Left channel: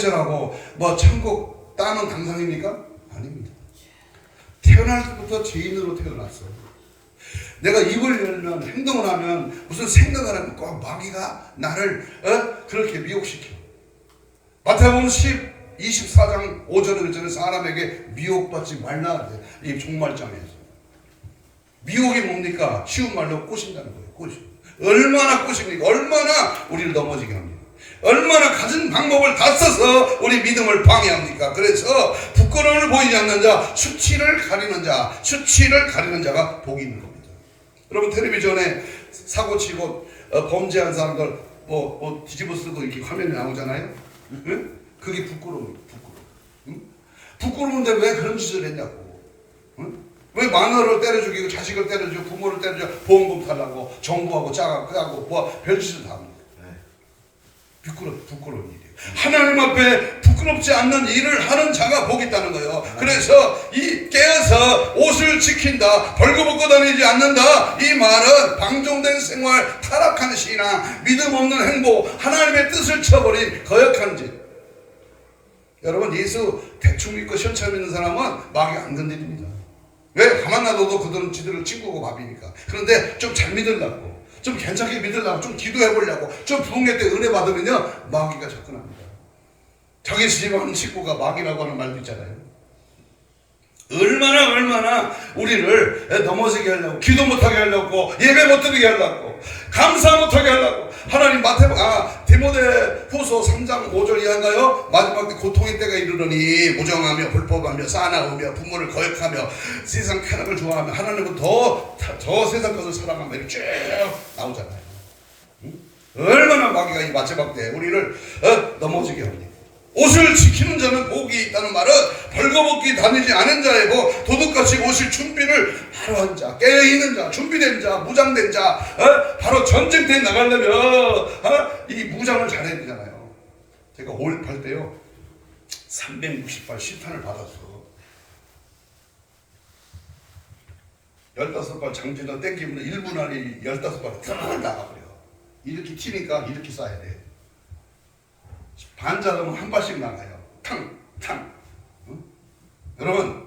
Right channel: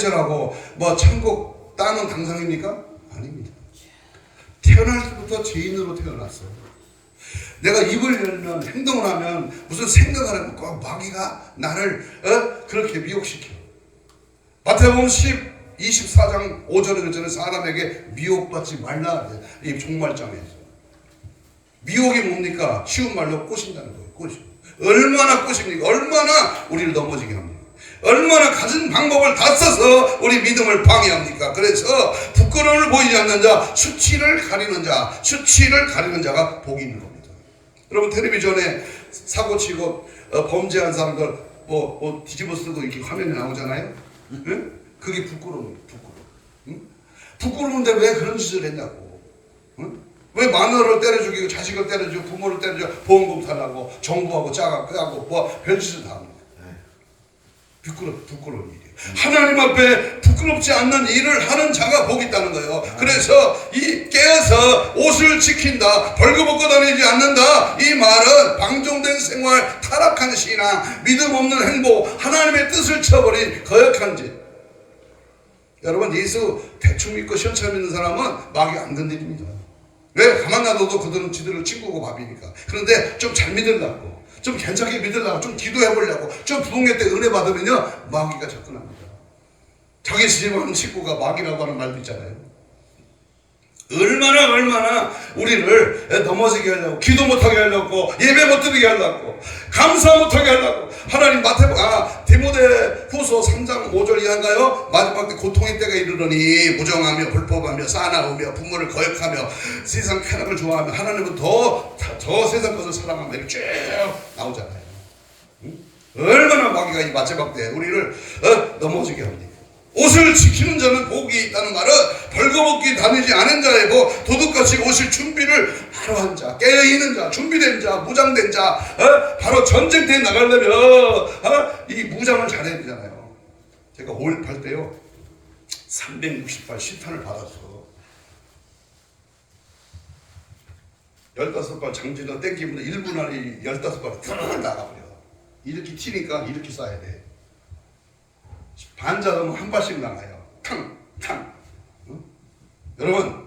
절하고 뭐 천국 땅은 당상입니까? 아닙니다. 태어날 때부터 죄인으로 태어났어요. 내가 입을 열면 행동을 하면 무슨 생각을 하면 꼭 마귀가 나를 그렇게 미혹시켜. 마태복음 24장 5절에 그랬잖아요. 사람에게 미혹받지 말라. 이 종말장에서 미혹이 뭡니까? 쉬운 말로 꼬신다는 거예요. 꼬시. 얼마나 꼬십니까? 얼마나 우리를 넘어지게 합니까? 얼마나 가진 방법을 다 써서 우리 믿음을 방해합니까? 그래서 부끄러움을 보이지 않는 자, 수치를 가리는 자가 복이 있는 겁니다. 여러분 텔레비전에 사고치고 범죄한 사람들 뭐 뒤집어 쓰고 이렇게 화면에 나오잖아요. 응? 그게 부끄러워요. 응? 부끄러운데 왜 그런 짓을 했냐고. 응? 왜 마누라를 때려 죽이고 자식을 때려 죽이고 부모를 때려 죽이고 보험금 달라고 정부하고 짜고 뭐 별짓을 다 합니다. 부끄러운 일이에요. 하나님 앞에 부끄럽지 않는 일을 하는 자가 복이 있다는 거예요. 그래서 이 깨어서 옷을 지킨다, 벌거벗고 다니지 않는다, 이 말은 방종된 생활, 타락한 신앙, 믿음 없는 행복, 하나님의 뜻을 쳐버린 거역한 짓. 여러분 예수 대충 믿고 시원찮게 믿는 사람은 마귀 안 건드립니다. 왜? 가만 놔둬도 그들은 지들을 친구고 밥이니까. 그런데 좀 잘 믿으려고, 좀 괜찮게 믿으려고, 좀 기도해보려고, 좀 부흥회 때 은혜 받으면요 마귀가 접근합니다. 자기 집하는 친구가 마귀라고 하는 말도 있잖아요. 얼마나 우리를 넘어지게 하려고, 기도 못하게 하려고, 예배 못 드리게 하려고, 감사 못하게 하려고. 하나님 디모데 후서 3장 5절 이하인가요? 마지막 때 고통의 때가 이르러니 무정하며 불법하며 싸나우며 부모를 거역하며 세상 쾌락을 좋아하며 하나님은 더 세상 것을 사랑하며 이렇게 쭉 나오잖아요. 응? 얼마나 마귀가 이 마지막 때 우리를 넘어지게 합니다. 옷을 지키는 자는 복이 있다는 말은 벌거벗기 다니지 않은 자의 복, 도둑같이 옷을 준비를 바로 한 자, 깨어있는 자, 준비된 자, 무장된 자, 바로 전쟁터에 나가려면 이 무장을 잘해야 되잖아요. 제가 5.18 때요 368 실탄을 받았어. 15발 장비를 땡기면 1분 안에 15발 쭉 나가버려. 이렇게 튀니까 이렇게 쏴야 돼. 반자동은 한 발씩 나가요. 탕. 응? 여러분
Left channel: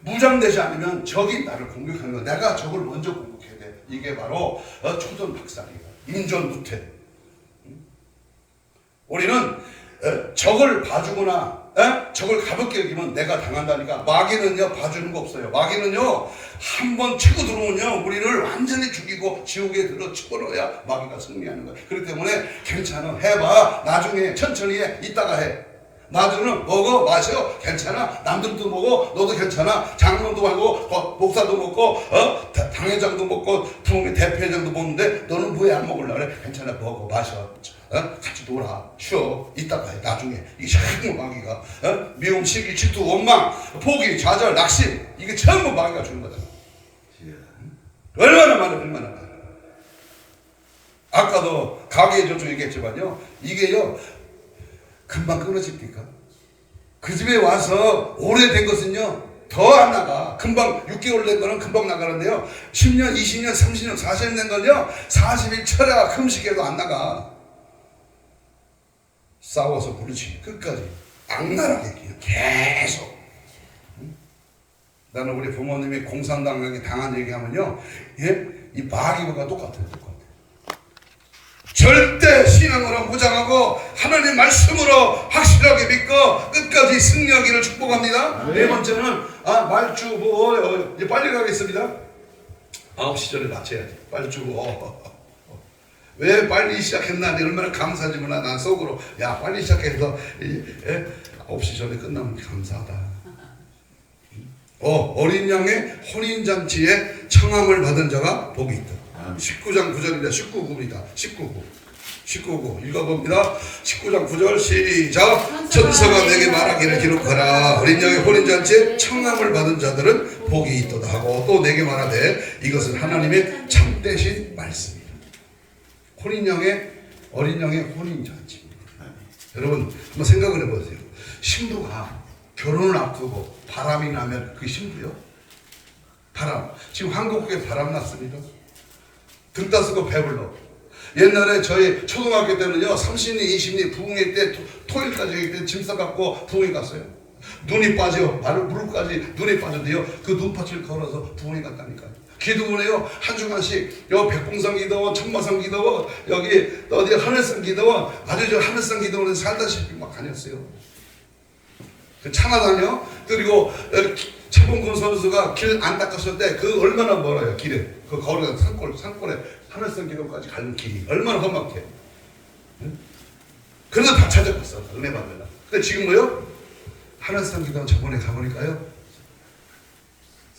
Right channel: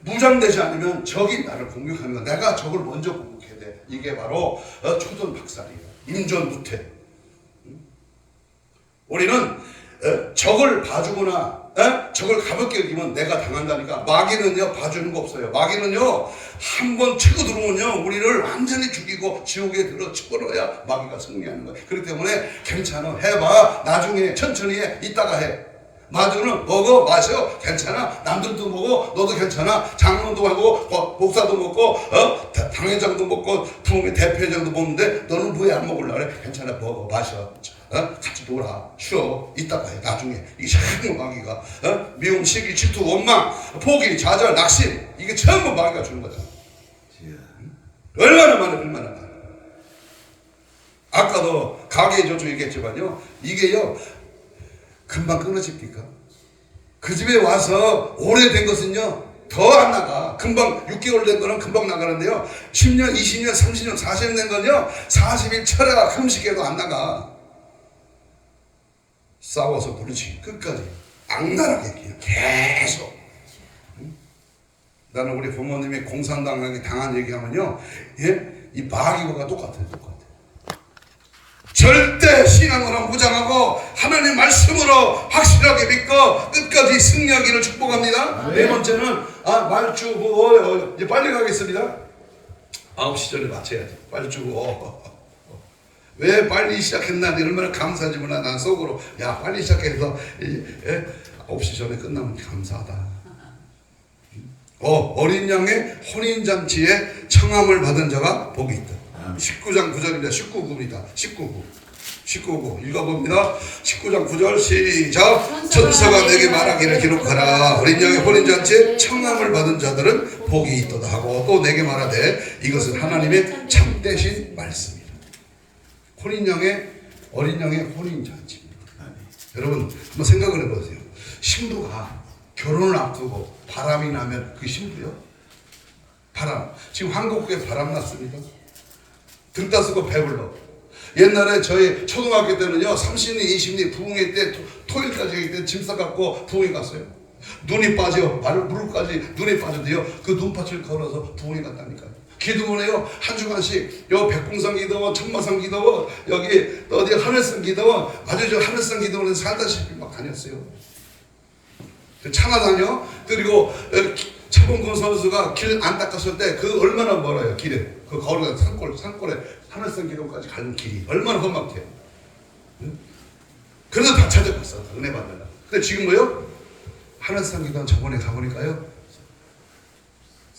무장되지 않으면 적이 나를 공격하는 거야. 내가 적을 먼저 공격해야 돼. 이게 바로 초전 박살이에요. 인전무태. 응? 우리는 적을 봐주거나 적을 가볍게 여기면 내가 당한다니까. 마귀는요 봐주는 거 없어요. 마귀는요 한번 치고 들어오면요 우리를 완전히 죽이고 지옥에 들어 집어넣어야 마귀가 승리하는 거예요. 그렇기 때문에 괜찮아, 해봐, 나중에 천천히 해, 이따가 해. 마주는 먹어, 마셔, 괜찮아. 남들도 먹어, 너도 괜찮아. 장로도 하고 목사도 먹고 당회장도 먹고 부흥회 대표회장도 먹는데 너는 왜 안 먹으려고 그래? 괜찮아, 먹어, 마셔, 같이 놀아, 쉬어, 이따가 해. 나중에 이 전부 마귀가 미움, 시기, 질투, 원망, 포기, 좌절, 낙심, 이게 전부 마귀가 주는 거잖아. 얼마나 많아. 아까도 가게에 저쪽 얘기했지만요, 이게요 금방 끊어집니까? 그 집에 와서 오래된 것은요 더 안 나가. 금방 6개월 된 거는 금방 나가는데요 10년, 20년, 30년, 40년 된 건요 40일 철야 금식해도 안 나가. 싸워서 부르지 끝까지 악랄하게 계속. 나는 우리 부모님이 공산당에 당한 얘기하면요 이 마귀가 똑같아요. 절대 신앙으로 무장하고 하나님 말씀으로 확실하게 믿고 끝까지 승리하기를 축복합니다. 네 번째는 말주고 이제 빨리 가겠습니다. 9시 전에 마쳐야지. 빨리 주고 왜 빨리 시작했나 얼마나 감사하지만 난 속으로 야 빨리 시작해서 9시 전에 끝나면 감사하다. 어린 양의 혼인잔치에 청함을 받은 자가 복이 있다. 19장 9절입니다. 19구입니다. 19구 읽어봅니다. 19장 9절 시작. 천사가 내게 말하기를 기록하라. 어린 양의 혼인잔치에 청함을 받은 자들은 복이 있도다 하고 또 내게 말하되 이것은 하나님의 참되신 말씀이다. 어린 양의 혼인잔치입니다. 여러분 한번 생각을 해보세요. 신부가 결혼을 앞두고 바람이 나면 그게 신부요? 바람. 지금 한국에 바람 났습니다. 등 따스고 배불러. 옛날에 저희 초등학교 때는요 30리 20리 부흥회 때 토요일까지 때 짐 싸갖고 부흥회 갔어요. 눈이 빠져 무릎까지 눈이 빠졌는데요 그 눈밭을 걸어서 부흥회 갔다니까요. 기도원에요 한 주간씩 요 백봉산 기도원 청마산 기도원 여기 어디 하늘산 기도원 아주 저 하늘산 기도원에 살다시피 막 다녔어요. 차나다녀 그리고 최봉근 선수가 길 안 닦았을 때 그 얼마나 멀어요 길에 그 거리가 산골에 하늘산 기도까지 가는 길이 얼마나 험악해. 응? 그래서 다 찾아갔어 은혜 받느라. 근데 지금 뭐요? 하늘산 기도원 저번에 가보니까요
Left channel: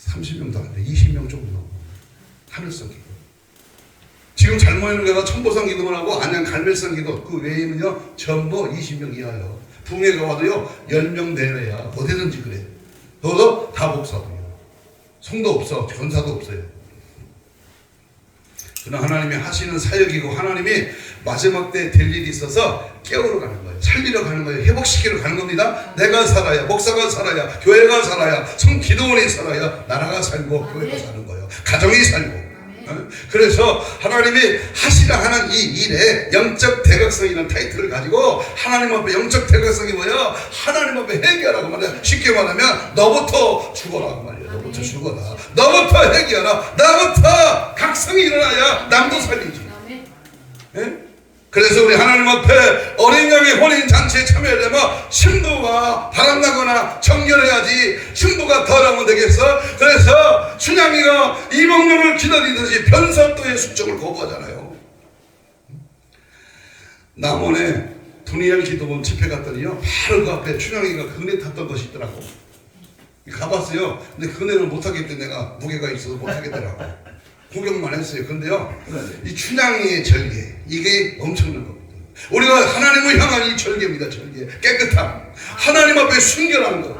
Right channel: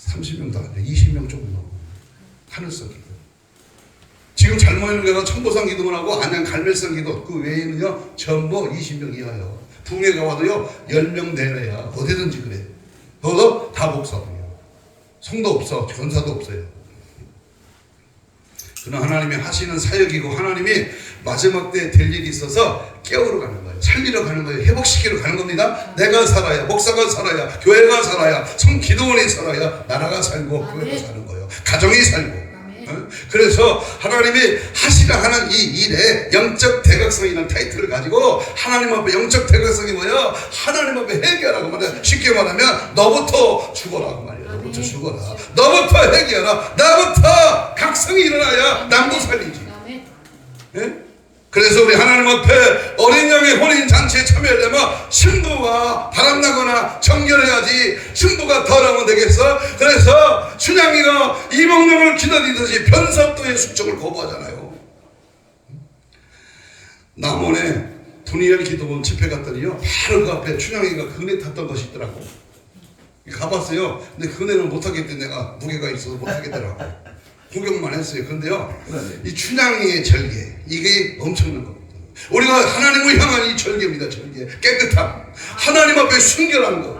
30명도 안 돼 20명 조금 넘어 하늘산 기도. 지금 잘 모이는 데가 천보산 기도원하고 안양 갈멜산 기도 그 외에는요 전부 20명 이하요. 부흥회가 와도요 10명 내외야 어디든지 그래. 너도 다 목사 성도 없어 전사도 없어요. 그러나 하나님이 하시는 사역이고 하나님이 마지막 때 될 일이 있어서 깨우러 가는 거예요. 살리러 가는 거예요. 회복시키러 가는 겁니다. 내가 살아야 목사가 살아야 교회가 살아야 성기도원이 살아야 나라가 살고 교회가 사는 거예요. 가정이 살고. 그래서 하나님이 하시라 하는 이 일에 영적 대각성이라는 타이틀을 가지고 하나님 앞에 영적 대각성이 뭐야? 하나님 앞에 해결하고 말이야. 쉽게 말하면 너부터 죽어라 그 말이야. 너부터 죽어라. 너부터 해결하라. 나부터 각성이 일어나야 남도 살리지. 예? 그래서 우리 하나님 앞에 어린 양의 혼인 잔치에 참여하려면 신부가 바람나거나 정결해야지 신부가 덜하면 되겠어. 그래서 춘향이가 이몽룡을 기다리듯이 변사또의 숙종을 거부하잖아요. 남원에 분이엘 기도원 집회 갔더니요 바로 그 앞에 춘향이가 그네 탔던 것이 있더라고. 가봤어요. 근데 그네는 못하겠대. 내가 무게가 있어서 못하겠더라고. 구경만 했어요. 그런데요 이 춘향이의 절개 이게 엄청난 겁니다. 우리가 하나님을 향한 이 절개입니다. 절개 깨끗함 하나님 앞에 순결한 것.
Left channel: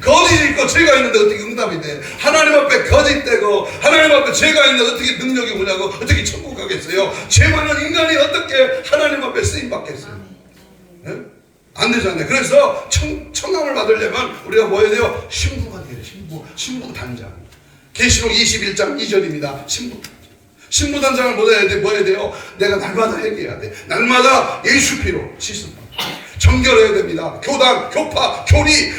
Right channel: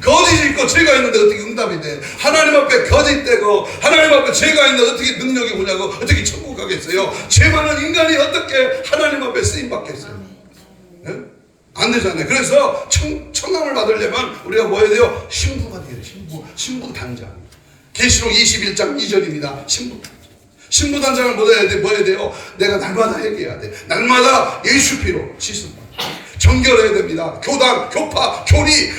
거짓이 있고 죄가 있는데 어떻게 응답이 돼? 하나님 앞에 거짓되고 하나님 앞에 죄가 있는데 어떻게 능력이 뭐냐고 어떻게 천국 가겠어요? 죄 많은 인간이 어떻게 하나님 앞에 쓰임 받겠어요? 네? 안 되잖아요. 그래서 청함을 받으려면 우리가 뭐 해야 돼요? 신부가 돼요. 신부 단장. 계시록 21장 2절입니다. 신부단장을 뭐 해야 돼요? 내가 날마다 회개해야 돼. 날마다 예수 피로 씻음받고 정결해야 됩니다. 교단, 교파, 교리,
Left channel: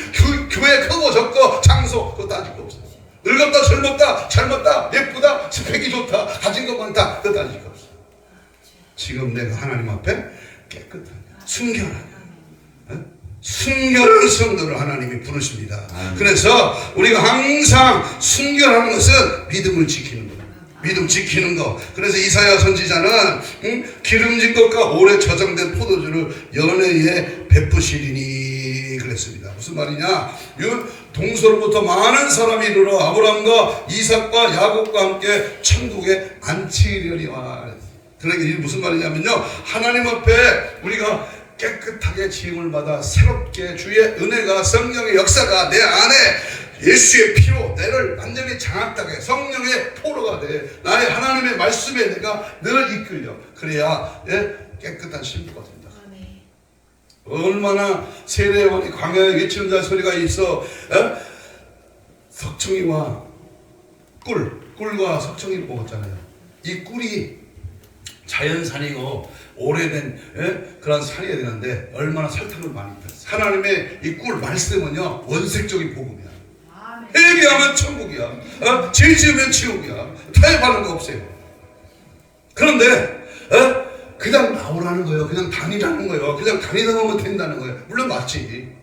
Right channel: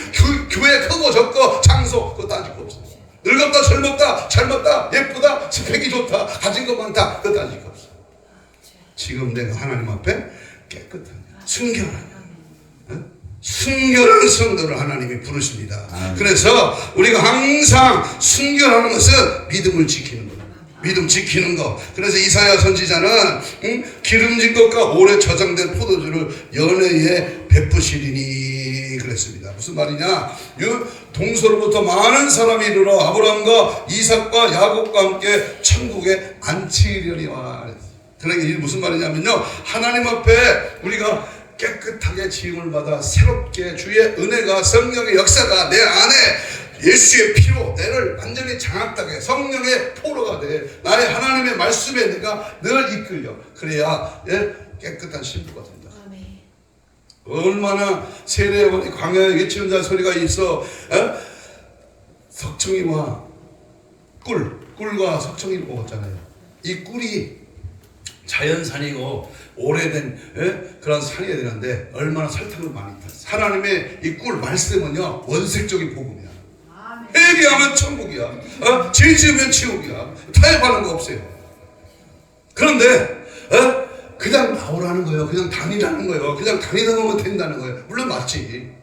교회 크고 적고 장소 그거 따질 거 없어요. 늙었다 젊었다 젊었다 예쁘다 스펙이 좋다 가진 것 많다 그거 따질 거 없어요. 지금 내가 하나님 앞에 깨끗한 순결한 성도를 하나님이 부르십니다. 그래서 우리가 항상 순결하는 것은 믿음을 지키는 거예요. 믿음 지키는 거. 그래서 이사야 선지자는 기름진 것과 오래 저장된 포도주를 연회에 베푸시리니 그랬습니다. 무슨 말이냐? 동서로부터 많은 사람이 이르러 아브라함과 이삭과 야곱과 함께 천국에 안치려니와. 그러니까 이게 무슨 말이냐면요 하나님 앞에 우리가 깨끗하게 지음을 받아 새롭게 주의 은혜가 성령의 역사가 내 안에 예수의 피로 내를 완전히 장악하게 성령의 포로가 돼 나의 하나님의 말씀에 내가 늘 이끌려 그래야 깨끗한 신부가 된다. 얼마나 세례요한이 광야에 외치는 자 소리가 있어. 석청이와 꿀과 석청이를 먹었잖아요. 이 꿀이 자연산이고 오래된 그런 산이어야 되는데 얼마나 설탕을 많이 탔어. 하나님의 이 꿀 말씀은요 원색적인 복음이야. 회개하면 천국이야. 죄 지으면 지옥이야. 타협하는 거 없어요. 그런데 그냥 나오라는 거예요. 그냥 다니라는 거예요. 그냥 다니다 보면 된다는 거예요. 물론 맞지.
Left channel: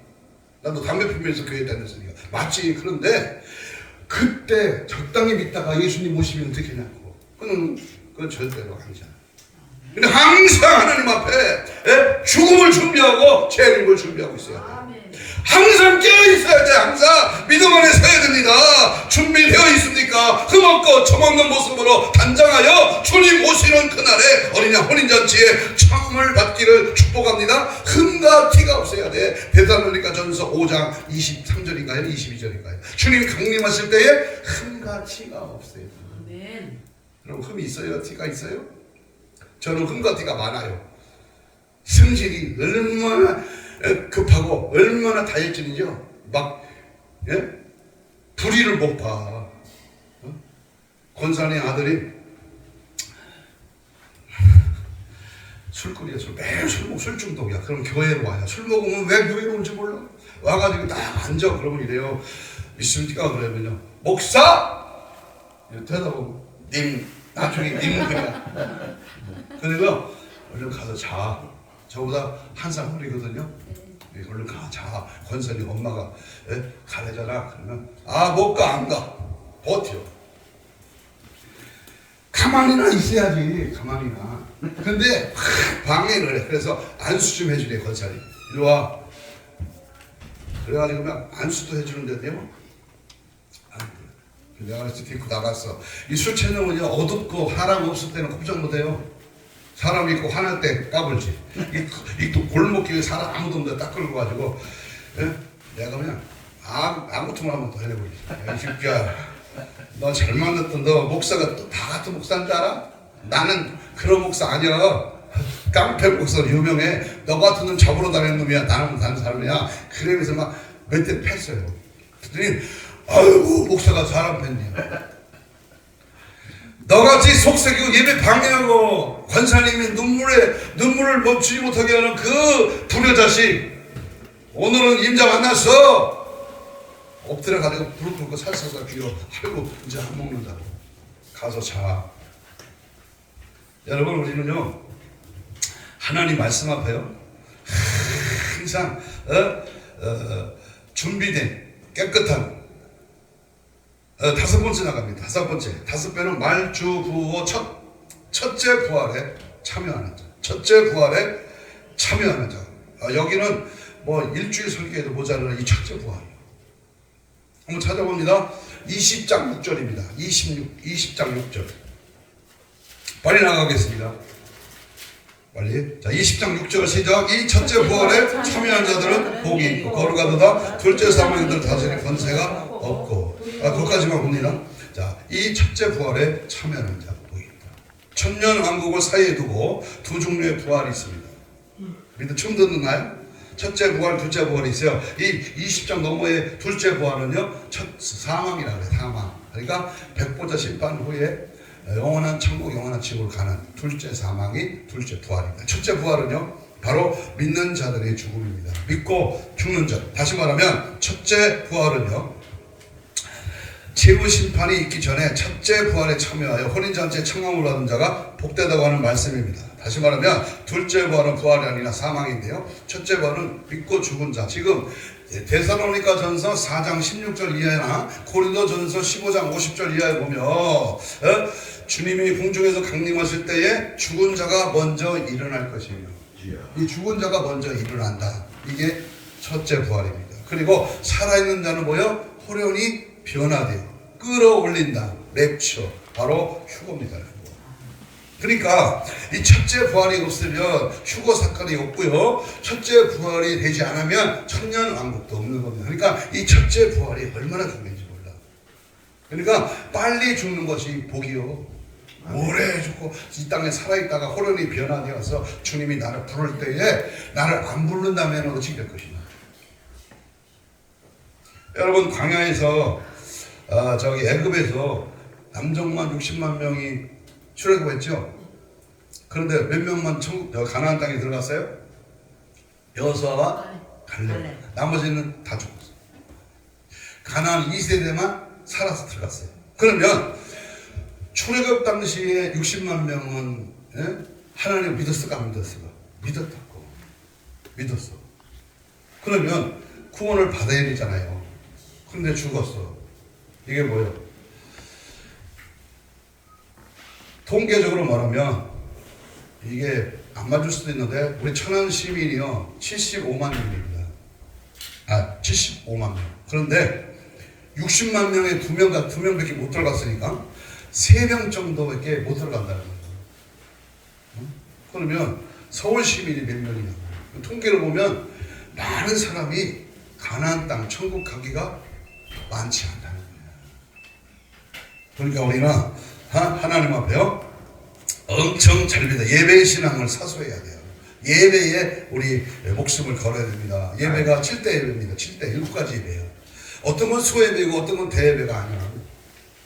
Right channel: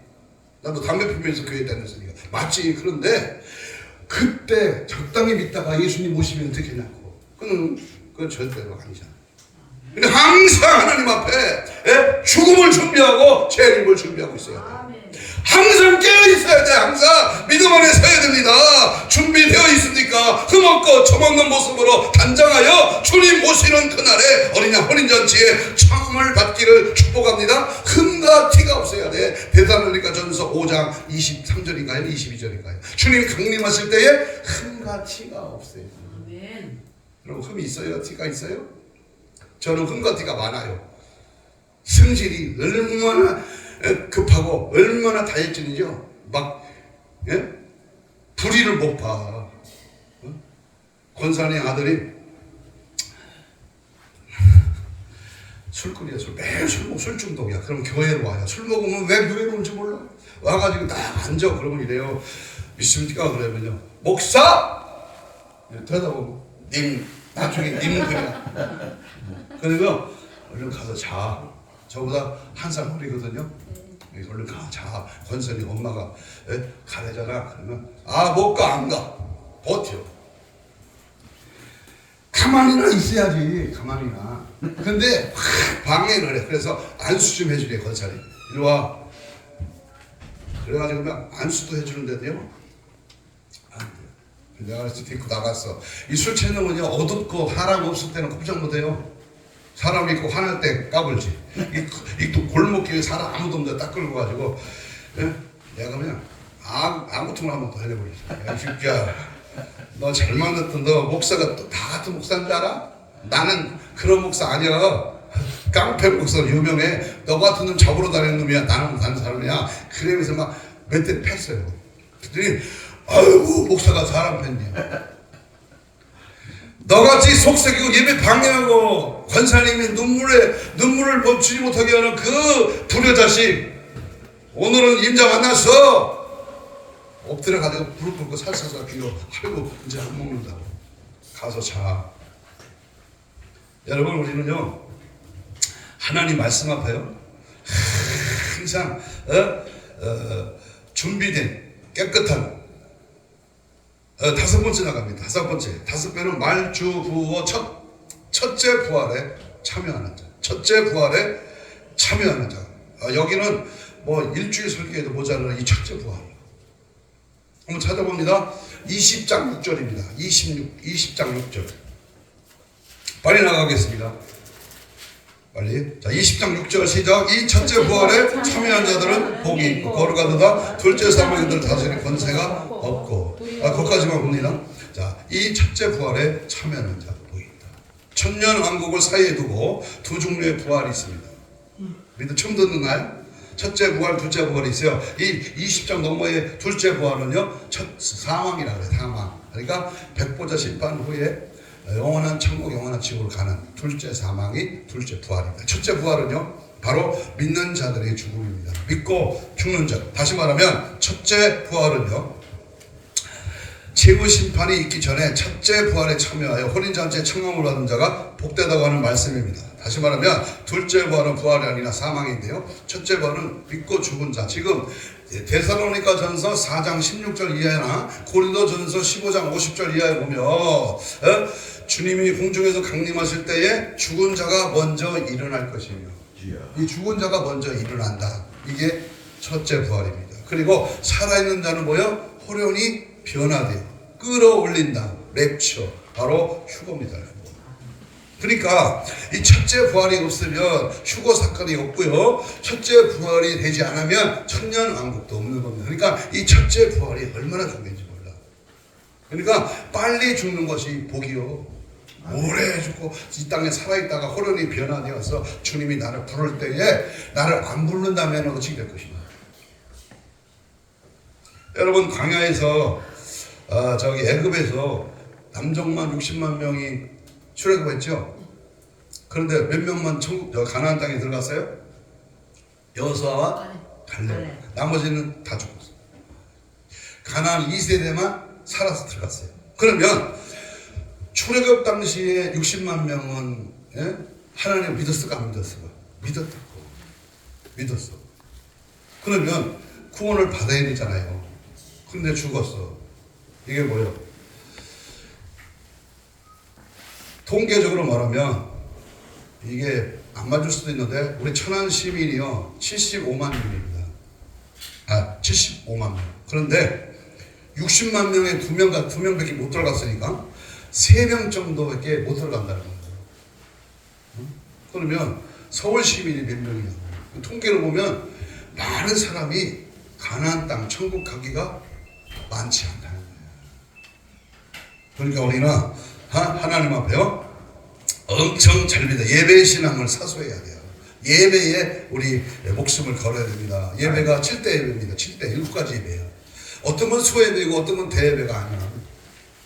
나도 담배 피우면서 교회 다녔으니까 맞지. 그런데 그때 적당히 믿다가 예수님 모시면 어떻게 하냐고. 그건 절대로 아니잖아. 근데 항상 하나님 앞에 죽음을 준비하고 재림을 준비하고 있어요. 항상 깨어있어야 돼. 항상 믿음 안에 서야 됩니다. 준비되어 있습니까? 흠없고 정없는 모습으로 단장하여 주님 오시는 그날에 어린양 혼인잔치에 참을 받기를 축복합니다. 흠과 티가 없어야 돼. 데살로니가 전서 5장 23절인가요? 22절인가요? 주님 강림하실 때에 흠과 티가 없어요. 여러분 흠이 있어요? 티가 있어요? 저는 흠과 티가 많아요. 성질이 얼마나 급하고 얼마나 다혈질이죠. 막 불의를 못 봐. 권사님 아들이 술거리에서 매일 술 중독이야. 그럼 교회로 와요. 술 먹으면 왜 교회로 온지 몰라. 와가지고 딱 앉아. 그러면 이래요. 믿습니까? 그러면요. 목사! 대답하고 님 나중에 님 그냥. 그러면 얼른 가서 자. 저보다 한 살 어리거든요. 얼른 가 자. 권선이 엄마가 가래잖아. 그러면 못 가 안 가. 버텨. 가만히나 있어야지. 가만히나. 근데 방해를 해. 그래서 안수 좀 해주래. 권선이. 이리 와. 그래가지고 안수도 해주는데도요. 내가 데리고 나갔어. 이 술 취하면요 어둡고 사람 없을 때는 꼼짝 못해요. 사람 있고 화날 때 까불지. 이 골목길에 사람 아무도 없는데 딱 끌고 가지고 내가 그냥 아무튼 한번 더 해버리지. 이 새끼야, 너 잘 만났던 너 목사가 또 다 같은 목사인 줄 알아? 나는 그런 목사 아니야. 깡패 목사 유명해. 너 같은 놈 잡으러 다니는 놈이야. 나는 다른 사람이야. 그러면서 막 몇 대 팼어요. 그랬더니 아이고 목사가 사람 팼네. 너같이 속삭이고 예배 방해하고 권사님이 눈물을 멈추지 못하게 하는 그 불효자식, 오늘은 임자 만났어. 엎드려가지고 불을 끄고 살살살 비워. 아이고 이제 안 먹는다고. 가서 자. 여러분, 우리는요 하나님 말씀 앞에요 항상 준비된 깨끗한 다섯 번째 나갑니다. 다섯 배는 말주부호 첫째 부활에 참여하는 자. 첫째 부활에 참여하는 자. 여기는 뭐 일주일 설교에도 모자라는 이 첫째 부활. 한번 찾아봅니다. 20장 6절입니다. 20장 6절. 빨리 나가겠습니다. 빨리. 자, 20장 6절 시작. 이 첫째 부활에 참여한 자들은 복이 있고 거룩하도다. 둘째 사망인들 다스리는 권세가 없고. 거기까지만 봅니다. 자, 이 첫째 부활에 참여하는 자 복이 있다. 천년 왕국을 사이에 두고 두 종류의 부활이 있습니다. 믿음 처음 듣나요? 첫째 부활, 둘째 부활이 있어요. 이 20장 넘어의 둘째 부활은요, 첫 사망이라고 해요. 사망. 그러니까 백보자 심판 후에 영원한 천국, 영원한 지옥으로 가는 둘째 사망이 둘째 부활입니다. 첫째 부활은요 바로 믿는 자들의 죽음입니다. 믿고 죽는 자. 다시 말하면 첫째 부활은요 최후 심판이 있기 전에 첫째 부활에 참여하여 혼인잔치에 청함을 받은 자가 복되다고 하는 말씀입니다. 다시 말하면 둘째 부활은 부활이 아니라 사망인데요, 첫째 부활은 믿고 죽은 자. 지금 데살로니가 전서 4장 16절 이하나 고린도 전서 15장 50절 이하에 보면 주님이 공중에서 강림하실 때에 죽은 자가 먼저 일어날 것이며, 이 죽은 자가 먼저 일어난다. 이게 첫째 부활입니다. 그리고 살아있는 자는 뭐요? 호련히 변화되어 끌어올린다. 랩처. 바로 휴거입니다. 그러니까 이 첫째 부활이 없으면 휴거 사건이 없고요, 첫째 부활이 되지 않으면 천년 왕국도 없는 겁니다. 그러니까 이 첫째 부활이 얼마나 중요한지 몰라. 그러니까 빨리 죽는 것이 복이요, 오래 죽고 이 땅에 살아있다가 호련히 변화되어서 주님이 나를 부를 때에 나를 안 부른다면 어찌 될 것인가. 여러분, 광야에서 저기 애굽에서 남정만 60만 명이 출애굽했죠. 그런데 몇 명만 가나안 땅에 들어갔어요? 여호수아와 갈렙. 나머지는 다 죽었어요. 가나안 2세대만 살아서 들어갔어요. 그러면 출애굽 당시에 60만 명은 하나님 믿었을까 안 믿었을까? 믿었어. 그러면 구원을 받아야 되잖아요. 근데 죽었어. 이게 뭐예요? 통계적으로 말하면 이게 안 맞을 수도 있는데 우리 천안 시민이요 75만 명입니다. 75만 명. 그런데 60만 명에 2명밖에 못 들어갔으니까 3명 정도밖에 못 들어간다는 거예요. 그러면 서울 시민이 몇 명이냐? 통계를 보면 많은 사람이 가나안 땅 천국 가기가 많지 않다는 거예요. 그러니까 우리는 하나님 앞에요 엄청 잘 믿어. 예배의 신앙을 사수해야 돼요. 예배에 우리 목숨을 걸어야 됩니다. 예배가 7대 예배입니다. 7대 7가지 예배예요. 어떤 건 소예배고 어떤 건 대예배가 아니에요.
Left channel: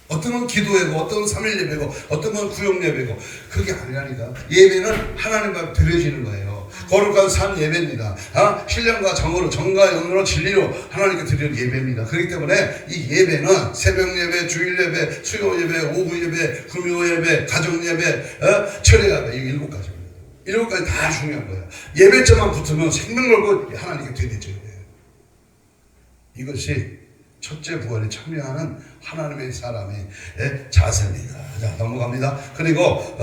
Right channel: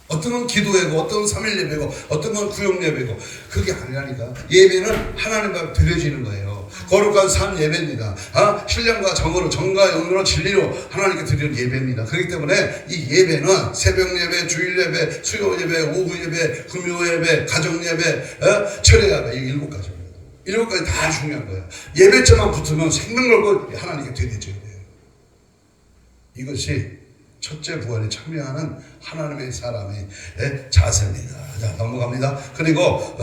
어떤 건 기도 예배고, 어떤 건 3일 예배고, 어떤 건 구역 예배고. 그게 아니라니까. 예배는 하나님과 드려지는 거예요. 거룩한 삶 예배입니다. 신령과 정으로, 정과 영으로 진리로 하나님께 드리는 예배입니다. 그렇기 때문에 이 예배는 새벽 예배, 주일 예배, 수요 예배, 오후 예배, 금요 예배, 가정 예배, 철야 예배, 이 7가지입니다. 7가지 다 중요한 거예요. 예배점만 붙으면 생명 걸고 하나님께 드려져야 돼요. 이것이 첫째 부활에 참여하는 하나님의 사람의 자세입니다. 자, 넘어갑니다. 그리고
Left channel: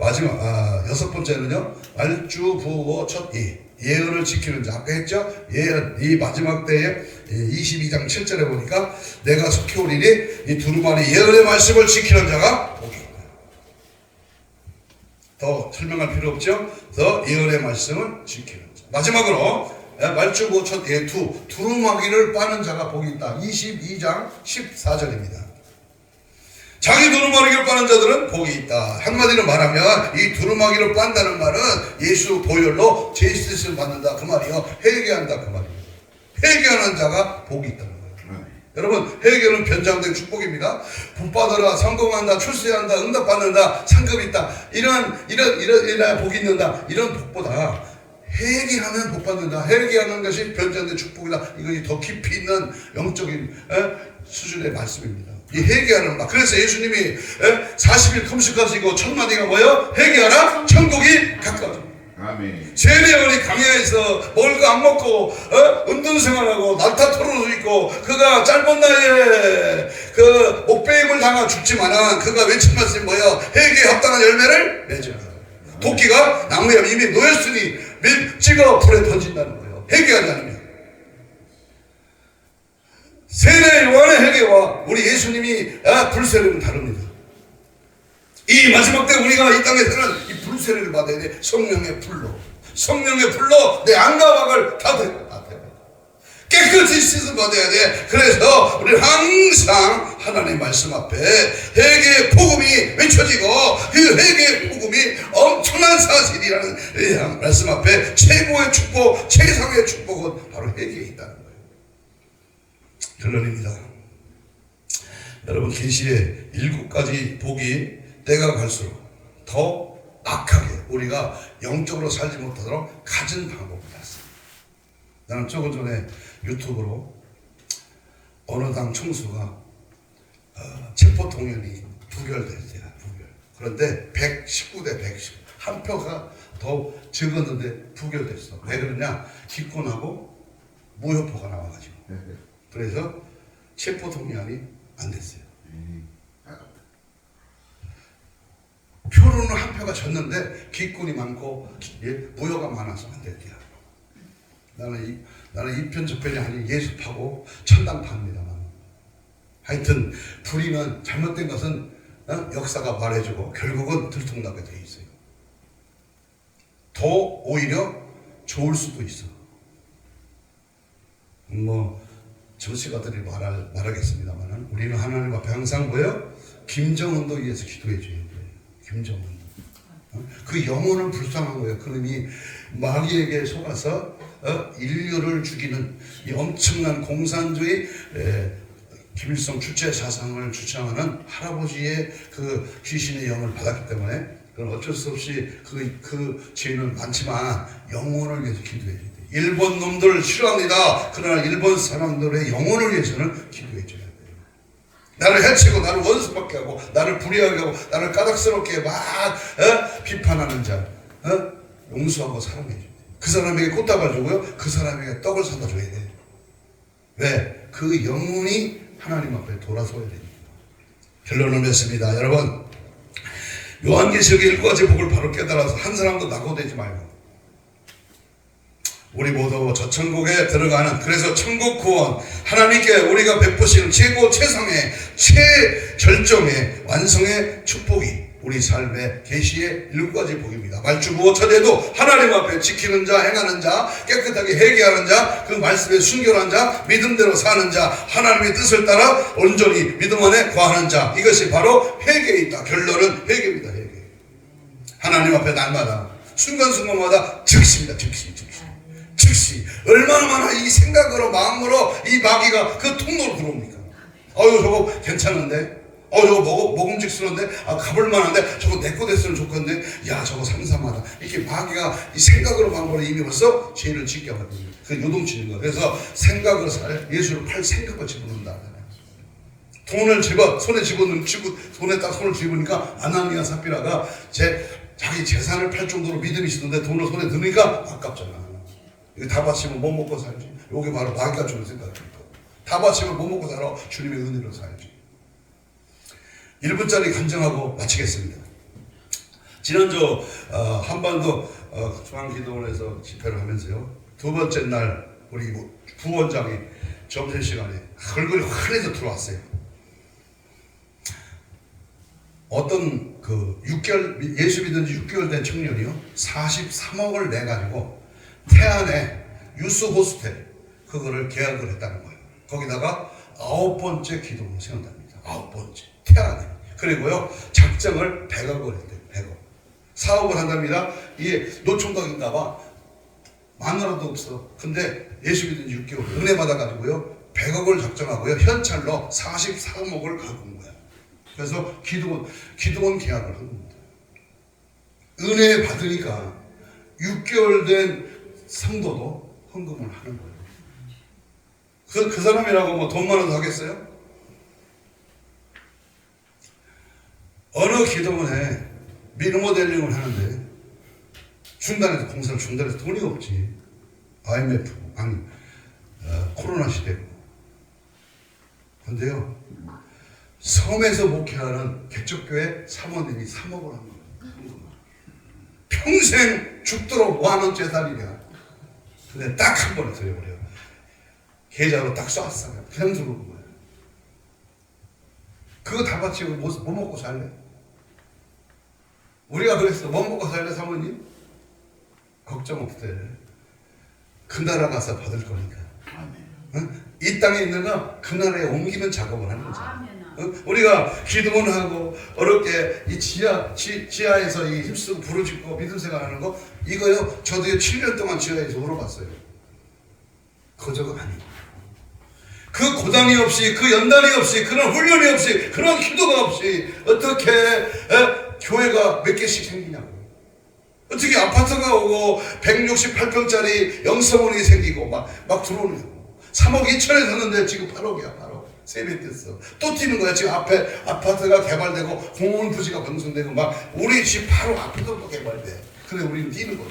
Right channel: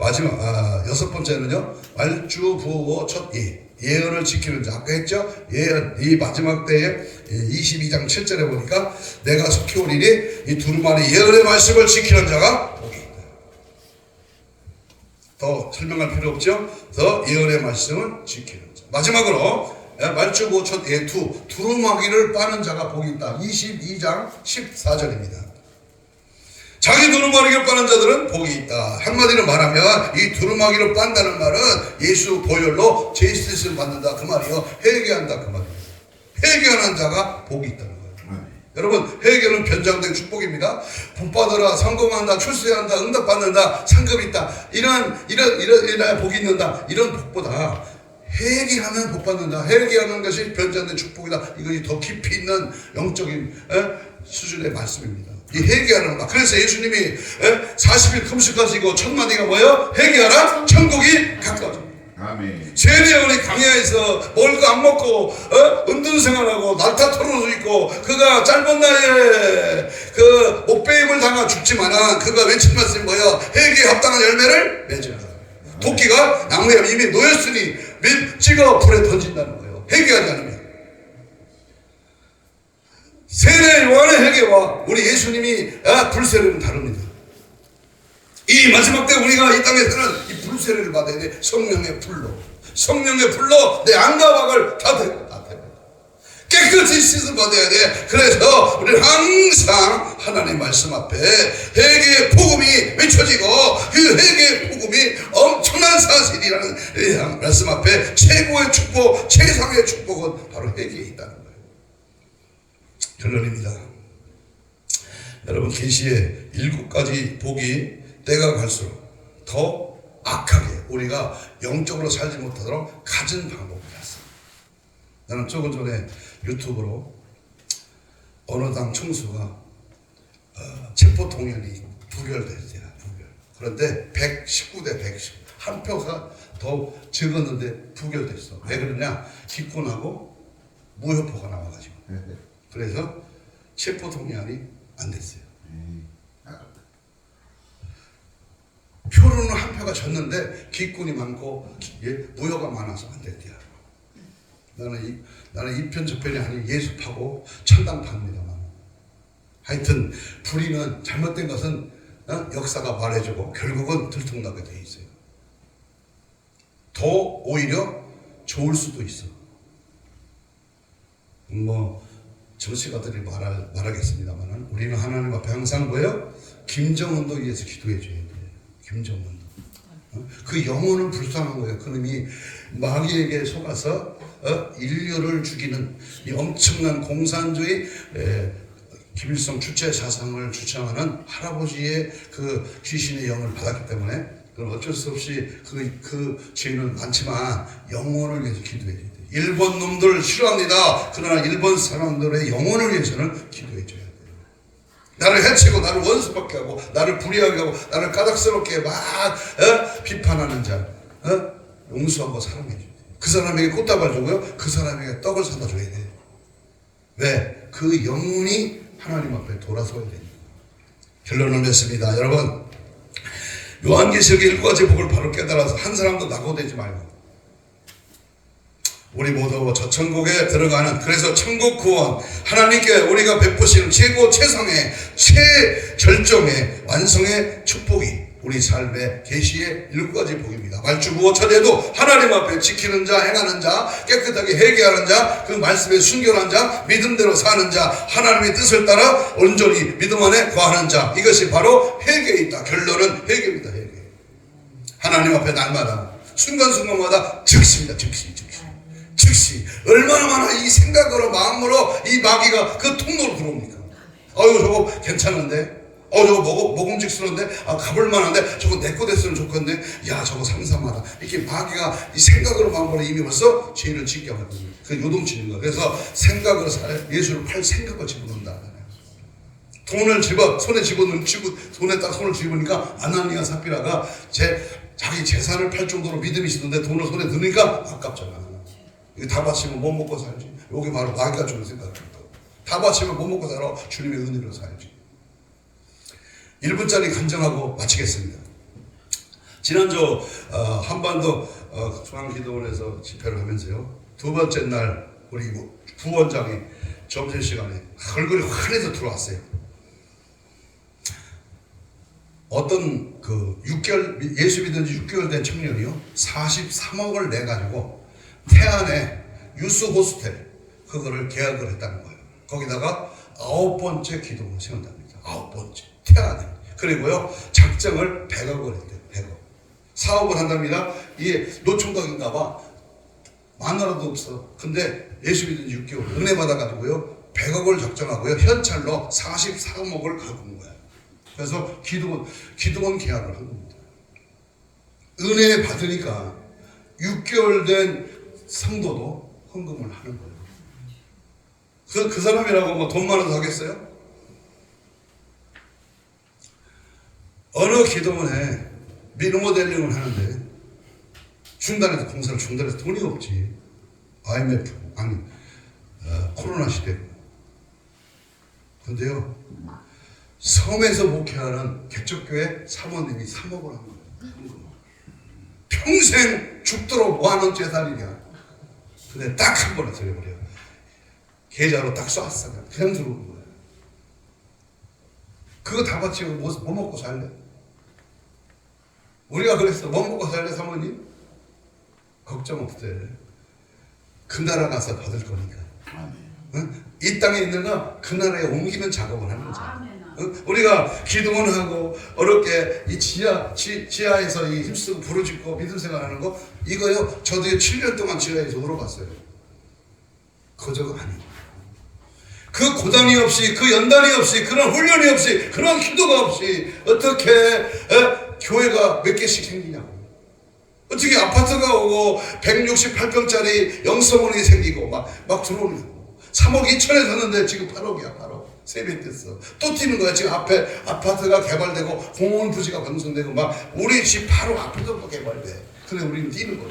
마지막 6번째는요. 말주 부어 첫 예언을 지키는 자. 아까 했죠? 예언. 이 마지막 때에 22장 7절에 보니까 내가 속히 오리니 이 두루마리 예언의 말씀을 지키는 자가 복이 있다. 더 설명할 필요 없죠? 더 예언의 말씀을 지키는 자. 마지막으로 말주 부어 첫 두루마기를 빠는 자가 복이 있다. 22장 14절입니다. 자기 두루마기를 빠는 자들은 복이 있다. 한마디로 말하면 이 두루마기를 빤다는 말은 예수 보혈로 제이스를 받는다 그 말이요. 회개한다 그 말입니다. 회개하는 자가 복이 있다는 거예요. 여러분, 회개는 변장된 축복입니다. 복 받아라, 성공한다, 출세한다, 응답받는다, 상급 있다, 이런 복이 있는다, 이런 복보다 회개하면 복 받는다. 회개하는 것이 변장된 축복이다. 이것이 더 깊이 있는 영적인 수준의 말씀입니다. 이 회개하는 것. 그래서 예수님이 40일 금식하시고 첫 마디가 뭐예요? 회개하라, 천국이 가까워져. 아멘. 세례요한이 광야에서 먹을 거 안 먹고 은둔 생활하고 날타 털어서 있고 그가 짧은 나이에 그 목배임을 당하 죽지만은 그가 외친 말씀이 뭐예요? 회개에 합당한 열매를 맺으라. 도끼가 나무에 이미 놓였으니 찍어 불에 던진다는 거예요. 회개하지 않으면. 세례 요한의 회개와 우리 예수님이 불세례는 다릅니다. 이 마지막 때 우리가 이 땅에서는 이 불세례를 받아야 돼. 성령의 불로. 성령의 불로 내 안과 밖을 다 데려. 깨끗이 씻음 받아야 돼. 그래서 우리는 항상 하나님 말씀 앞에 회개의 복음이 외쳐지고 그 회개의 복음이 엄청난 사실이라는 말씀 앞에 최고의 축복, 최상의 축복은 바로 회개에 있다는 거예요. 결론입니다. 여러분, 계시의 7가지 복이 때가 갈수록 더 악하게 우리가 영적으로 살지 못하도록 갖은 방법이다. 나는 조금 전에 유튜브로 어느 당 총수가 체포동의안이 부결됐어요. 그런데 119대 119 한 표가 더 적었는데 부결됐어. 왜 그러냐? 기권하고 무효표가 나와가지고. 그래서 체포동의안이 안 됐어요. 표로는 한 표가 졌는데 기권이 많고 무효가 많아서 안 됐대요. 나는 이 편 저편이 아닌 예수파고 천당파입니다. 하여튼 불의는 잘못된 것은 역사가 말해주고 결국은 들통나게 돼 있어요. 더 오히려 좋을 수도 있어. 뭐 정치가들이 말하겠습니다만 우리는 하나님 앞에 항상 뭐예요? 김정은도 위해서 기도해 줘야 돼요. 김정은. 그 영혼은 불쌍한 거예요. 그놈이 마귀에게 속아서 인류를 죽이는 이 엄청난 공산주의 김일성 주체 사상을 주장하는 할아버지의 그 귀신의 영을 받았기 때문에 그건 어쩔 수 없이 그 죄는 많지만 영혼을 위해서 기도해 줘야 돼요. 일본 놈들 싫어합니다. 그러나 일본 사람들의 영혼을 위해서는 기도해 줘야 돼요. 나를 해치고 나를 원수밖에 하고 나를 불의하게 하고 나를 까닭스럽게 막 비판하는 자 용서하고 사랑해 줘야 돼요. 그 사람에게 꽃다발 주고요. 그 사람에게 떡을 사다 줘야 돼요. 왜? 그 영혼이 하나님 앞에 돌아서야 됩니다. 결론을 맺습니다. 여러분, 요한계시록의 7가지 복을 바로 깨달아서 한 사람도 낙오되지 말고 우리 모두 저 천국에 들어가는, 그래서 천국 구원, 하나님께 우리가 베푸시는 최고 최상의 최절정의 완성의 축복이 우리 삶의 계시의 7가지 복입니다. 말주부어 첫에도 하나님 앞에 지키는 자, 행하는 자, 깨끗하게 회개하는 자, 그 말씀에 순결한 자, 믿음대로 사는 자, 하나님의 뜻을 따라 온전히 믿음 안에 거하는 자, 이것이 바로 회개에 있다. 결론은 회개입니다. 회개. 하나님 앞에 날마다 순간순간마다 즉시입니다. 즉시. 얼마나 많아 이 생각으로 마음으로 이 마귀가 그 통로로 들어옵니까? 아유 저거 괜찮은데? 저거 먹음직스러운데, 가볼 만한데, 저거 내 거 됐으면 좋겠는데, 야, 저거 삼삼하다. 이렇게 마귀가 이 생각으로 가면 이미 벌써 죄를 짓게 하거든요. 그 요동치는 거예요. 그래서 생각으로 예수를 팔 생각을 집어넣는다. 돈을 손에 손에 딱 손을 집으니까 아나니아 삽비라가 자기 재산을 팔 정도로 믿음이 있었는데 돈을 손에 넣으니까 아깝잖아. 이거 다 바치면 못 먹고 살지. 여기 바로 마귀가 주는 생각입니다. 다 바치면 못 먹고 살아. 주님의 은혜로 살지. 1분짜리 감정하고 마치겠습니다. 지난주 한반도 중앙기도원에서 집회를 하면서요. 두 번째 날 우리 부원장이 점심시간에 얼굴이 환해서 들어왔어요. 어떤 6개월 예수 믿은 지 6개월 된 청년이요 43억을 내가지고 태안에 유스 호스텔 그거를 계약을 했다는 거예요. 거기다가 9번째 기도를 세운답니다. 9번째 태안에. 그리고요 작정을 100억을 했대요. 100억 사업을 한답니다. 이게 노총각인가 봐. 마누라도 없어. 근데 예수 믿은 지 6개월 은혜 받아가지고요 100억을 작정하고요 현찰로 43억을 갖고 온 거야. 그래서 기도원 계약을 한 겁니다. 은혜 받으니까 6개월 된 성도도 헌금을 하는 거예요. 그 사람이라고 뭐 돈 많아서 하겠어요? 어느 기도원에 리모델링을 하는데 공사를 중단해서 돈이 없지. IMF, 코로나 시대고. 근데요, 섬에서 목회하는 개척교회 사모님이 3억을 한 거예요. 평생 죽도록 뭐하는 재산이냐. 근데 딱 한 번에 들여버려요. 계좌로 딱 쐈어요. 그냥 들어오는 거예요. 그거 다 바치고 뭐 먹고 살래? 우리가 그랬어. 뭐 먹고 살래 사모님? 걱정 없대. 그 나라 가서 받을 거니까. 응? 이 땅에 있는 거 그 나라에 옮기는 작업을 하는 거잖아. 응? 우리가 기도문하고 어렵게 이 지하에서 이 힘쓰고 부르짖고 믿음 생활하는 거 이거요. 저도 7년 동안 지하에서 놀아봤어요. 거저가 아니에요. 그 고단이 없이 그 연단이 없이 그런 훈련이 없이 그런 기도가 없이 어떻게 교회가 몇 개씩 생기냐고. 어떻게 아파트가 오고 168평짜리 영성원이 생기고 막 들어오냐고. 3억 2천에 샀는데 지금 8억이야. 8억 3배 됐어. 또 뛰는 거야. 지금 앞에 아파트가 개발되고 공원 부지가 방송되고 막 우리 집 바로 앞에서도 개발돼. 근데 우리는 뛰는 거야.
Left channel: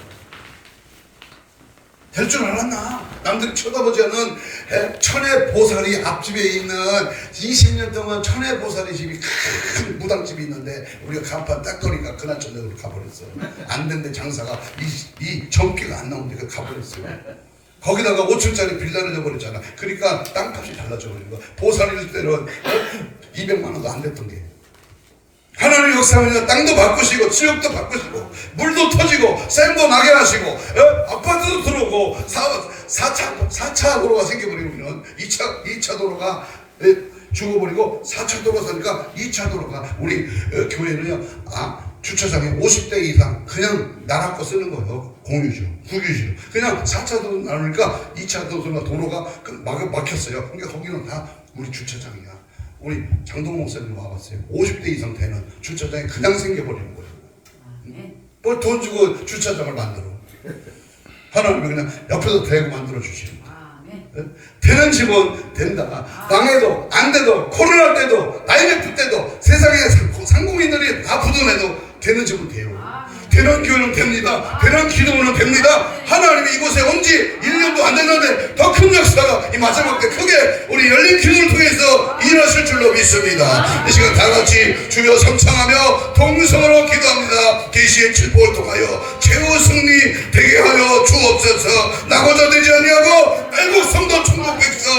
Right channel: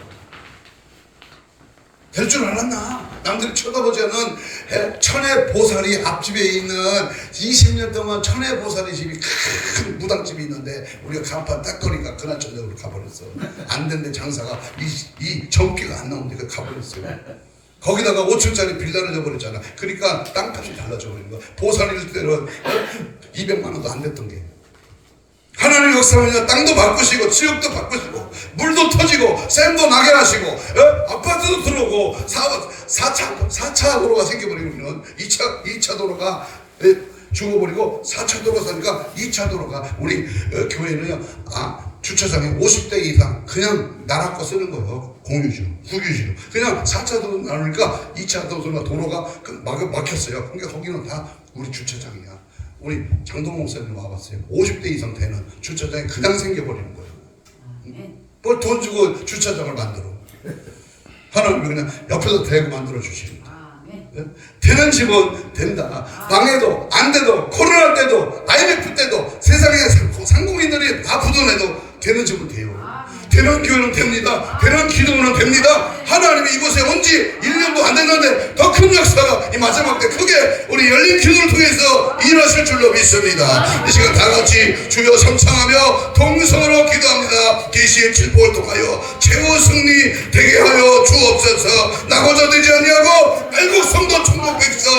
될 줄 알았나? 남들이 쳐다보지 않은 천의 보살이 앞집에 있는 20년 동안 천의 보살이 집이 큰 무당집이 있는데 우리가 간판 딱 거니까 그날 저녁으로 가버렸어. 안 된데 장사가 이 전기가 안 나오니까 가버렸어요. 거기다가 5층짜리 빌라를 줘버렸잖아. 그러니까 땅값이 달라져 버린 거야. 보살일 때는 200만 원도 안 됐던 게. 하나님 역사하면 땅도 바꾸시고 지역도 바꾸시고 물도 터지고 샘도 나게 하시고 아파트도 들어오고 4차 도로가 생겨버리면 2차 도로가 죽어버리고 4차 도로가 사니까 2차 도로가 우리 교회는요 주차장에 50대 이상 그냥 나라 거 쓰는 거예요. 공유주, 국유주. 그냥 4차 도로 나오니까 2차 도로가 막혔어요. 그러니까 거기는 다 우리 주차장이야. 우리 장동 목사님 와봤어요. 50대 이상 되는 주차장이 그냥 생겨버리는 거예요. 뭘 돈 주고 주차장을 만들어. 하나님이 그냥 옆에서 대고 만들어 주시는 거예요. 되는 집은 된다. 망해도 안 돼도 코로나 때도 IMF 때도 세상에 상공인들이 아프던 해도 되는 집은 돼요. 되는 교회는 됩니다. 되는 기도는 됩니다. 하나님이 이곳에 온 지 1년도 안 됐는데 더 큰 역사가 이 마지막 때 크게 우리 열린 기도를 통해서 일하실 줄로 믿습니다. 이 시간 다 같이 주여 삼창하며 동성으로 기도합니다. 계시의 칠보를 통하여 최후 승리 되게 하여 주옵소서. 나고자 되지 아니하고 애국 성도 충동 백성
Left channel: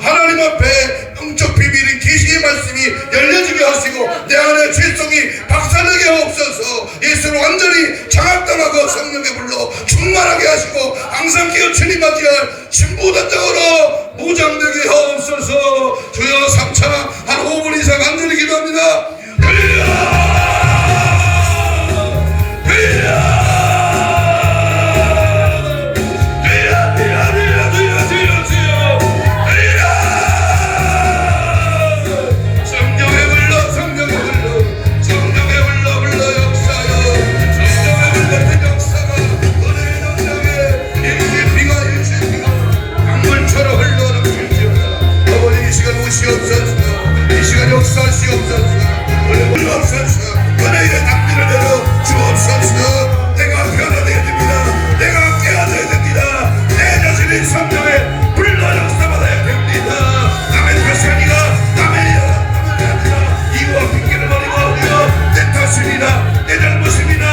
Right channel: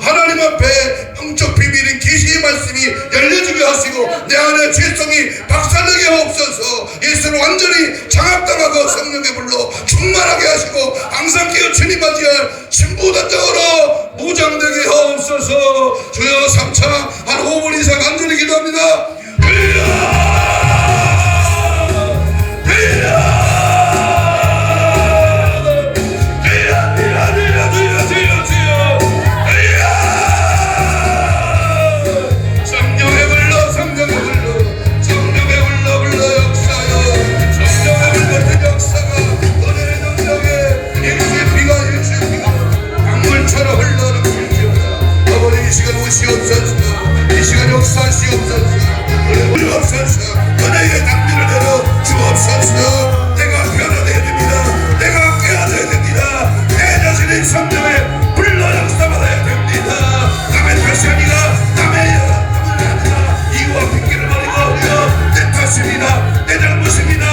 하나님 앞에 영적 비밀인 계시의 말씀이 열려지게 하시고 내 안에 죄성이 박살나게 하옵소서. 예수를 완전히 장악당하고 성령의 불로 충만하게 하시고 항상 깨우치니 맞이할 신부단장으로 무장되게 하옵소서. 주여 삼창 한 5분 이상 간절히 기도합니다. 성령의 불로 주옵소서. 이 시간 역사하시옵소서. 주옵소서. 은혜의 낭비를 내려 주옵소서. 내가 변화되어야 됩니다. 내가 깨어나야 됩니다. 내 자신의 성장에 불나는 싸받아야 됩니다. 남의 탓이 아니라 남의 이와 핑계를 버리고 내 탓입니다. 내 잘못입니다.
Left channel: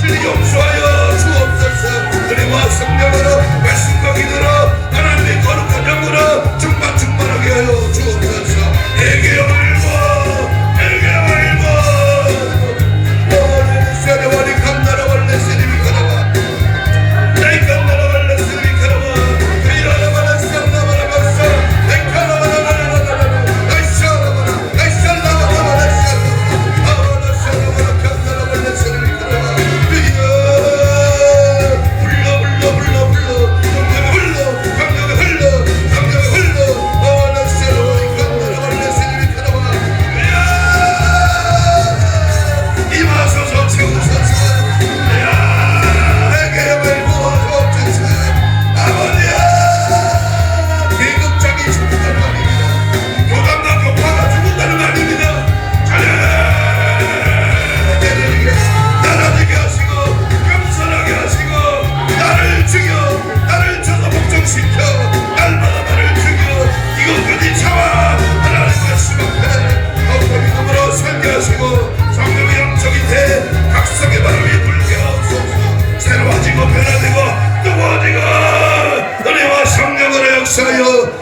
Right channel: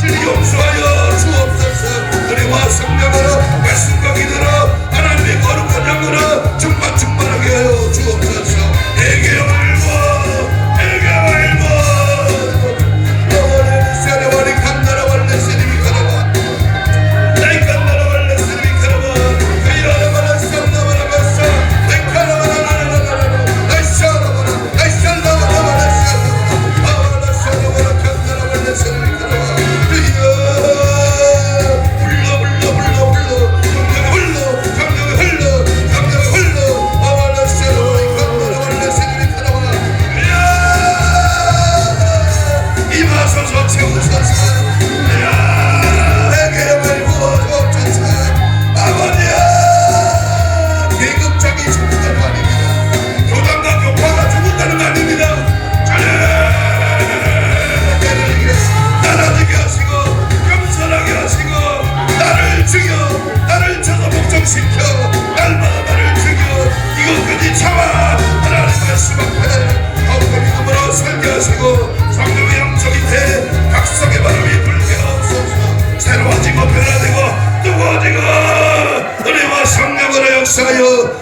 주님 용서하여 주옵소서. 은혜와 성령으로 말씀과 기도로 하나님의 거룩한 영으로 충만하게 하여 주옵소서. 내게 일과 내게 일과 너의 세례와리 감나라와 내 세례비 가라와 내 감나라와 내 세례비 가라와 이라라바라 쌍나바라 박사 내 가라바라바라바라 아이샤라바라 아이샤라바라바라 아바라 쌍나바라 감나라와 내 세례비 가라와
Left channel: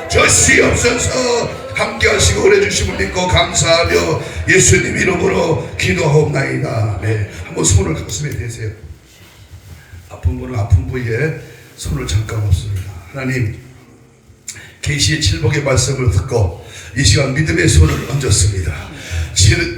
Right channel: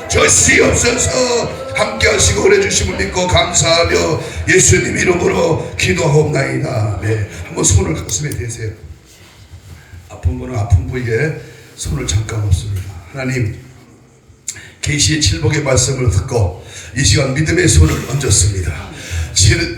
주시옵소서. 함께 하시고 은혜 주심을 믿고 감사하며 예수님 이름으로 기도하옵나이다. 네, 한번 손을 가슴에 대세요. 아픈 분은 아픈 부위에 손을 잠깐 얹습니다. 하나님, 계시의 칠복의 말씀을 듣고 이 시간 믿음의 손을 얹었습니다.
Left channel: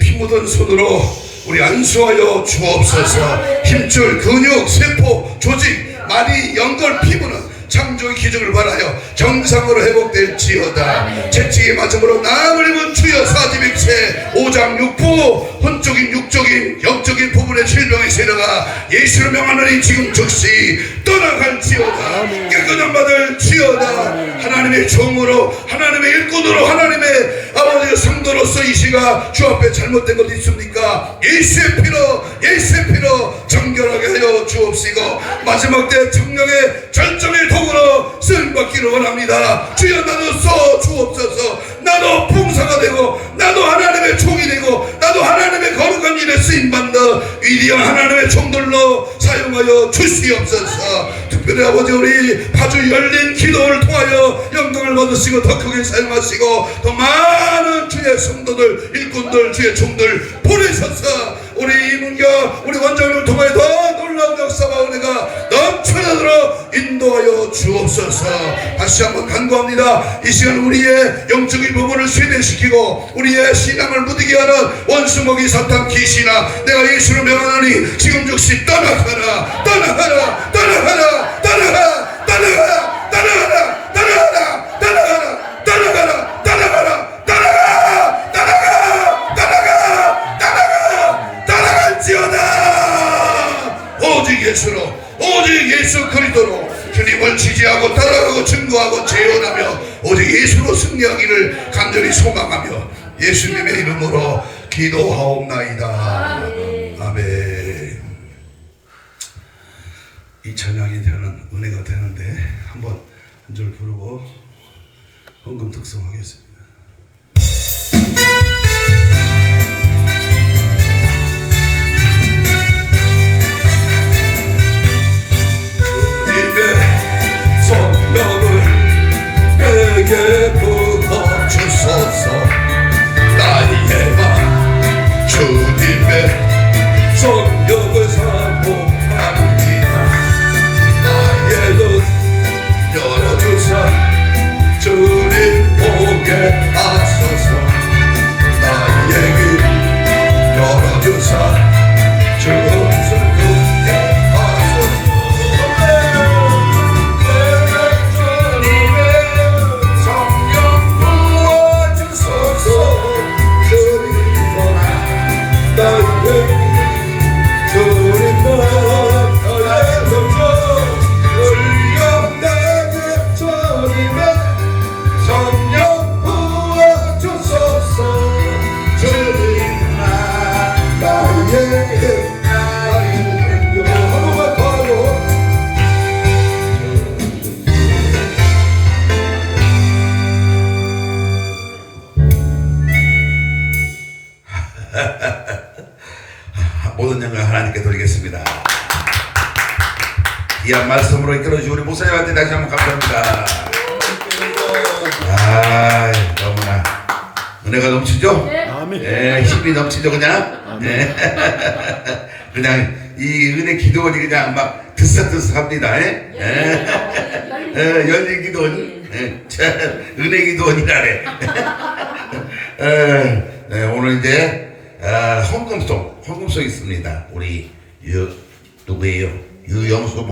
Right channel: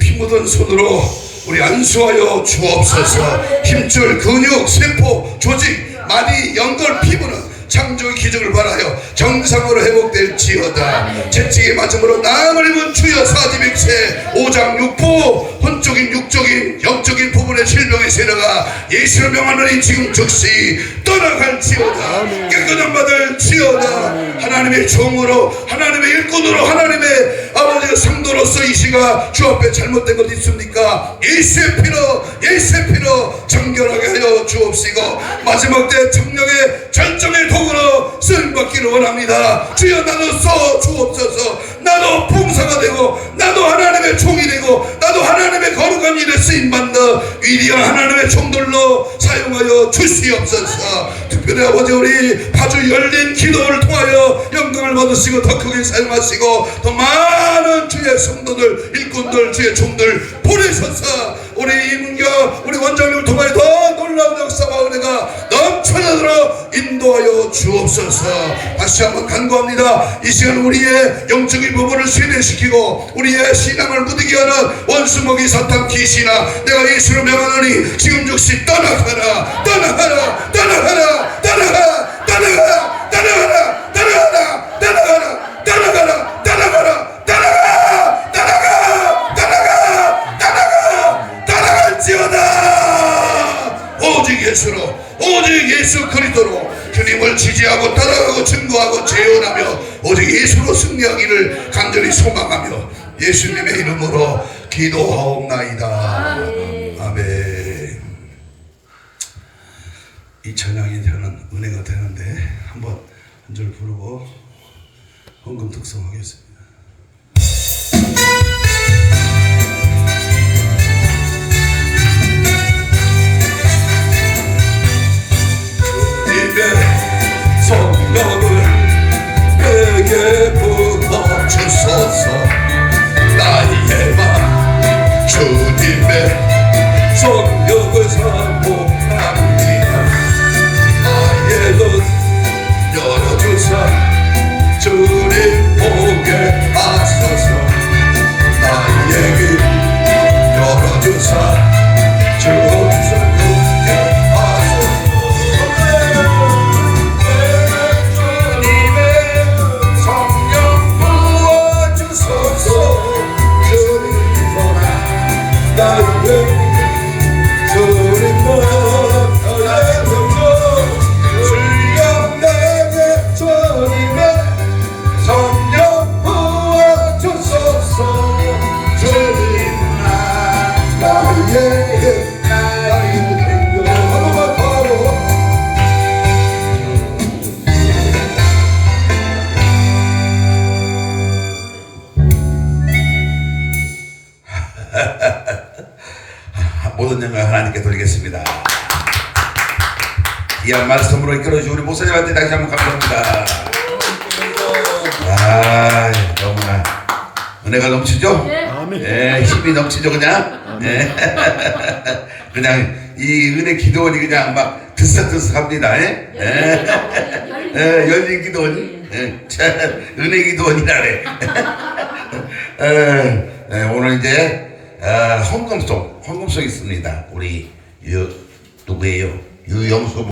피 묻은 손으로 우리 안수하여 주옵소서. 힘줄, 근육, 세포, 조직, 마디, 연골, 피부는 창조의 기적을 바라여 정상으로 회복될지어다. 채찍의 맞음으로 나음을 입은 주여 42세 5장 6부 혼적인 육적인 영적인 부분의 질병의 세력아 예수를 명하노니 지금 즉시 떠나갈지어다. 깨끗한 받을 지어다. 하나님의 종으로 하나님의 일꾼으로 하나님의 아버지의 성도로서 이 시가 주 앞에 잘못된 것 있습니까? 예수의 피로 정결하게 하여 주옵시고 마지막 때 정령의 절정의 도구로 쓰임받기를 원합니다. 주여 나도 써 주옵소서. 나도 봉사가 되고 나도 하나님의 종이 되고 나도 하나님의 거룩한 일에 쓰임받는 위대한 하나님의 종들로 사용하여 주시옵소서. 특별히 아버지 우리 파주 열린 기도를 통하여 영광을 받으시고 더 크게 사용하시고 더 많은 주의 성도들 일꾼들 주의 종들 보내셔서 우리 이문경 우리 원장님을 통하여 더 놀라운 역사와 은혜가 넘쳐나도록 인도하여 주옵소서. 다시 한번 간구합니다. 이 시간 우리의 영적인 부분을 순회시키고 우리의 신앙을 무디게 하는 원수먹이 사탄 귀신아 내가 예수를 명하노니 지금 즉시 떠나가라 떠나가라 떠나가라 떠나가라 떠나가라 떠나가라 떠나가라 떠나가라 떠나가라 떠나가라 떠나가 떠나가 떠나가 떠나가 떠나갈지어다. 오직 예수로 오직 예수 그리스도로 주님을 지지하고 따라가고 증거하고 재현하며 오직 예수로 승리하기를 간절히 소망하며 예수님의 이름으로 기도하옵나이다. 아멘. 이 찬양이 되는 은혜가 되는데 한번 한 절 부르고 헌금 특성하겠습니다. 성령을 내게 부어주소서. 나의 맘 주님의 성령을 사모합니다. 나의 눈 열어주사 주님 보게 드리겠습니다. 귀한 말씀으로 이끌어주신 우리 목사님한테 다시 한번 감사합니다. 아, 너무나 은혜가 넘치죠? 아멘. 예, 힘이 넘치죠 그냥? 예. 그냥 이 은혜 기도원이 그냥 막 들썩들썩합니다. 예? 예, 열린 기도원, 예, 은혜 기도원이라래. 오늘 이제 헌금송 있습니다. 우리 누구예요? 유영수